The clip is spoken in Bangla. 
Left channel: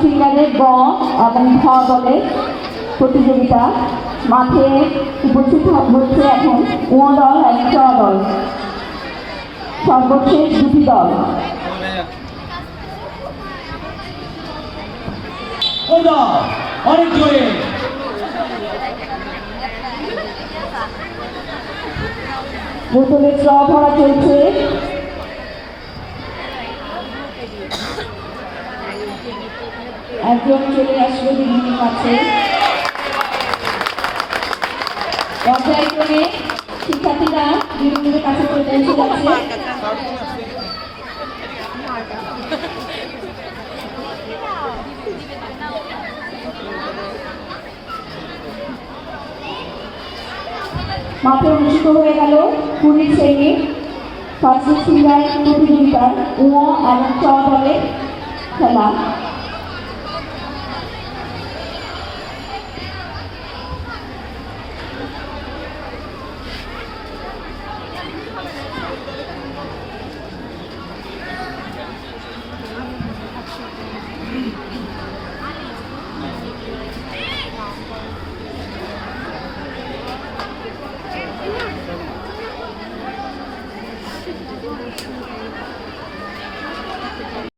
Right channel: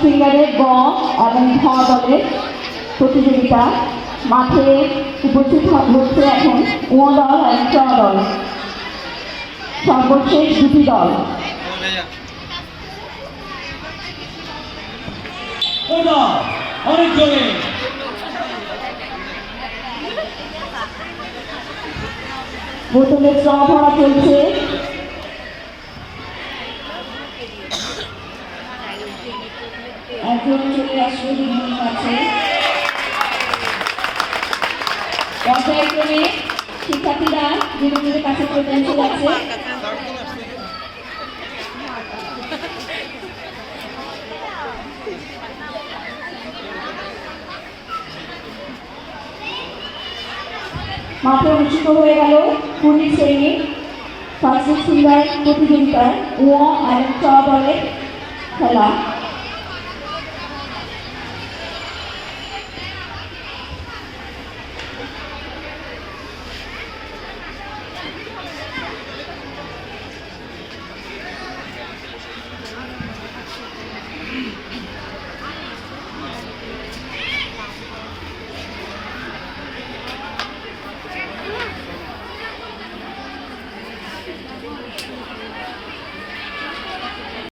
ফিঙ্গারে গ এবং খ দলের প্রতিযোগিতা। মাঠে উপস্থিত হচ্ছে এখন উ দল এবং চ দল, সর্বশেষ দুটি দল। অনেক জোরে বোতলের স্র ভরা চলছে। একজন চলে আসবে দিদির কাছে। পর্যায়ক্রমে শিক্ষার্থীরা দিদির কাছে চলে এসে যাচ্ছে। মাঠে অনুষ্ঠিত হয়ে গেল 20 শ্রেণীর ফার্স্ট ফিঙ্গার প্রতিযোগিতার উ এবং চ দলের খেলা।